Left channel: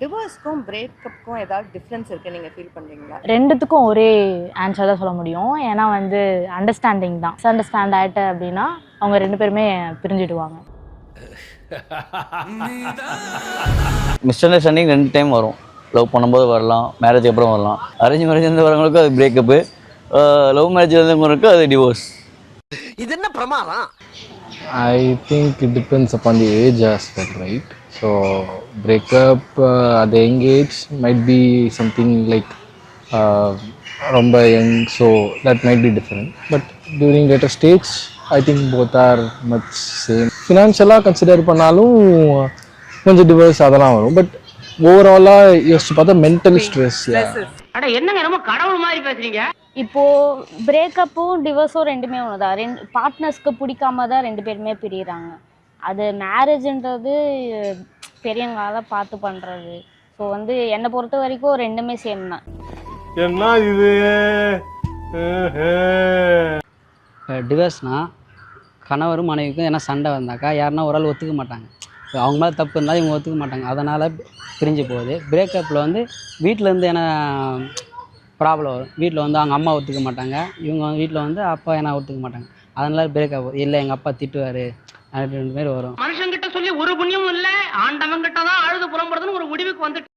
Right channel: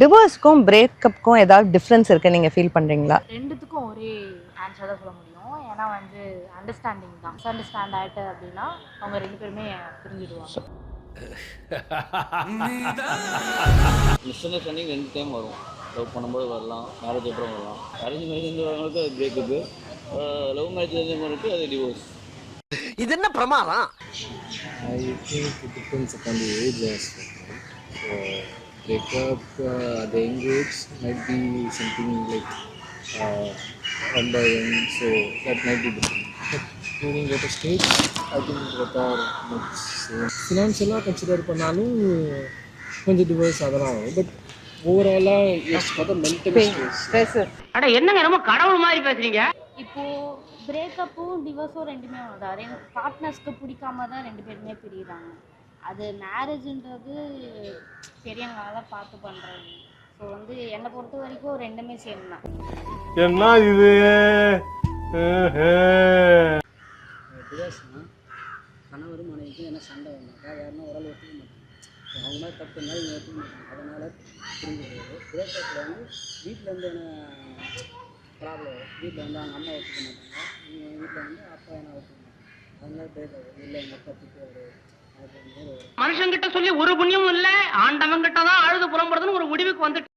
டிவோர்ஸ்க்கும் பிரேக்கப்புக்கும் ஏதாவது டிஃப்ரென்ஸ் இருக்கு நீங்க ஃபீல் பண்றீங்களா? ரெண்டுத்துக்கும் ஒரே ஆன்சர் தான் சொல்ல முடியும். ஏன்னா வந்து அண்டர்ஸ்டாண்டிங் தான். மிஸ் அண்டர்ஸ்டாண்ட் ஆயிட்ட அப்படின்னா அவங்க 2 பேருமே பிரிஞ்சிடுவாங்க. மிஸ் அண்டர்ஸ்டாண்டிங் 2 டைம் வரும். லவ் பண்ணும்போது வரலாம், மேரேஜுக்கு அப்புறம் வரலாம். அரேஞ்ச் மேரேஜ்லேருந்து வரவங்களுக்கு அது பிரேக்கப்பு, லவ் மேரேஜ்லேருந்து அது டிவோர்ஸ். இது என்ன பிரமாதம்? I think it depends upon the age as well, right? So breakup at the young age might be something like ரொம்ப young, so that might be different. But during later stage, I think both are much same. Financially consider பண்ணாலும் கொஞ்சம் divorce அதெல்லாம் வரும். But ஓவராலாக யோசிச்சு பார்த்தா mental stress. அட என்னங்க நம்ம கடவுள் மாதிரி பேசுறீங்க. இப்போ பிரேக்கப்பும் டிவோர்ஸும் ரெண்டுமே ஒண்ணுதான். பார்ட்னர்ஸ்க்கு பிடிக்காம தான் 2 பேருமே பிரியிறாங்க. அது மேரேஜ்ன்றது பெரியவங்களால பார்த்து பண்றது. ஸோ வந்து என்னை பொறுத்த வரைக்கும் ரெண்டுமே சேம் தான். என்ன இது டிவோர்ஸ்னால் கணவரும் மனைவிக்கும் என்ன சண்டை வந்தாக்கா யாருன்னா ஒரு ஆள் ஒத்துக்க மாட்டாங்க. அவங்க மேலே தப்பு இருந்தால் இவங்க ஒத்துக்க மாட்டாங்க, அதனால் பிரிஞ்சு போகுது. பிரேக்கப்பில் வந்து வீட்டிலேருந்து என்ன ப்ராப்ளம் வரும். வீட்டில் வந்து அவங்க அம்மா ஒத்துக்க மாட்டாங்க, இவங்க வீட்டில் வந்து அப்பா என்ன ஒத்துக்க மாட்டாங்க, அதனால பிரேக்கப். இல்லை எங்கள் அப்பா திட்டுவார் அப்படின்ற மாதிரி வரும். மனுஷங்கிட்ட சொல்லி ஒரு புண்ணியமும் இல்ல, ஆண்டவன் கிட்ட தான் அழுது புலம்புறதுன்னு ஒரு முடிவுக்கு வந்துட்டு